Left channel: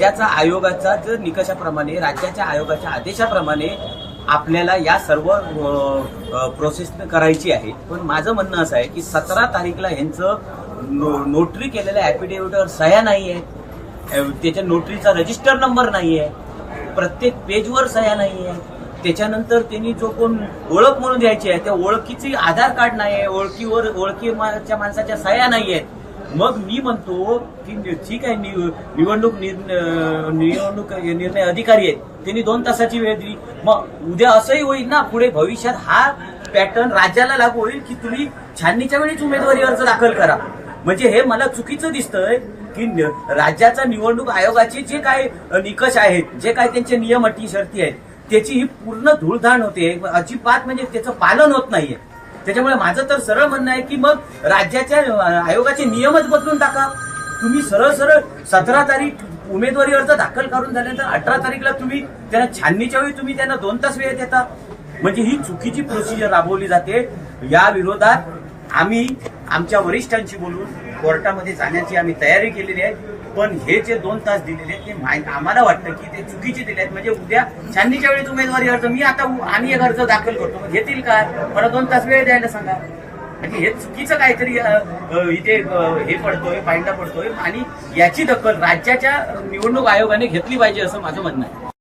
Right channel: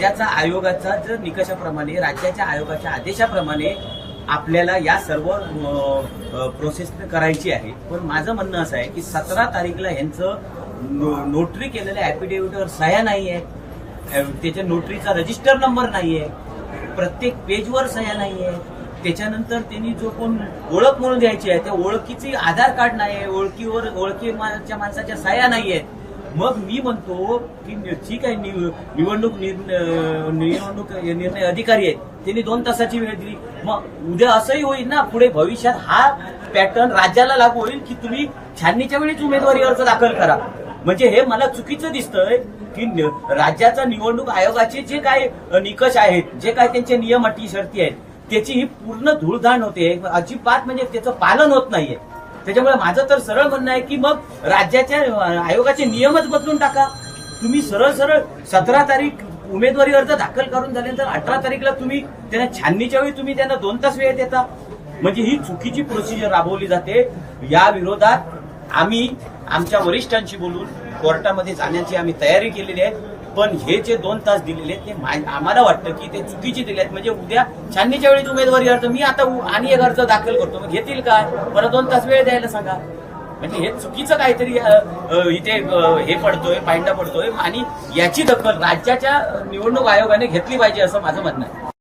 राज्याचा आयोगाचा जर निकषाप्रमाणे राज्याच्या आयोगाच्या आदेशाप्रमाणे आपल्याला या सर्व प्रोसेस करायची आहे पण माझं म्हणणं असं आहे की सतरा तारीखला यांचं नो नोटरी केलेल्या ऍफिडेव्हिटवर सह्या नाही आहे त्याच्या नोटरीचा रजिस्टर नंबर नाही आहे प्रत्येक पेजवर सह्या नाही आहे त्याच्यानंतर त्यांनी जो कोण ओळख म्हणून द्यायची आहे त्या ओळखीची आधार कार्ड नाही आहे ओळखीवर ओळखी माणसाच्या सह्या नाही आहेत मग मी म्हणतो की ठीक आहे निवडणूक निवडणूक निर्णय अधिकारी आहेत त्यांनी दोन तासाची वेळ दिली मग उद्या असंही होईल ना पुढे भविष्यात हा पॅटर्न राज्याला लागू होईल की तुम्ही छाननीच्या वेळीच उमेदवारी अर्ज दाखल करा म्हणजे हे मला चुकीचं दिसतंय की राज्याचा निवडणूक आयोगाचे जे काय निकष आहेत जे काय त्यांचे नियम अटी शर्ती आहेत त्याची ही पूर्ण धूळधाण होते अजिबात म्हणजे त्याचं पालन होत नाहीये त्याच्यामुळे माझं तर सरळ म्हणणं आहे की मग राज्याच्या आयोगाचे नियमच बदलून टाका तुम्ही सरळ सरळ सतरा तारीख उमेदवारी अर्ज दाखल करून झाल्यानंतर अठरा तारीखला तुम्ही त्यांना छाननीच्या वेळी तुम्ही त्यांना दोन तास वेळ देता म्हणजे ही चुकीची प्रोसिजर राबवली जाते या विरोधात आम्ही आमच्या वरिष्ठांशी बोलून कोर्टामध्ये जाण्याची आम्ही तयारी केलेली आहे पण हे जे दोन तास दिलेले ते आम्हाला वाटतं की ते चुकीचे दिले आहेत म्हणजे उद्या छाननीच्या वेळी उमेदवारी अर्ज मी आता आणि एक अर्ज दाखल करतो मग घेतील काय परत दोन तास वेळ द्यायला सांगा म्हणजे हे चुकीचं काहीतरी इथे हे पडतोय पायंडा पडतोय आणि याची दखल राज्याच्या निवडणूक आयोगाने घेतली पाहिजे असं माझं म्हणणं आहे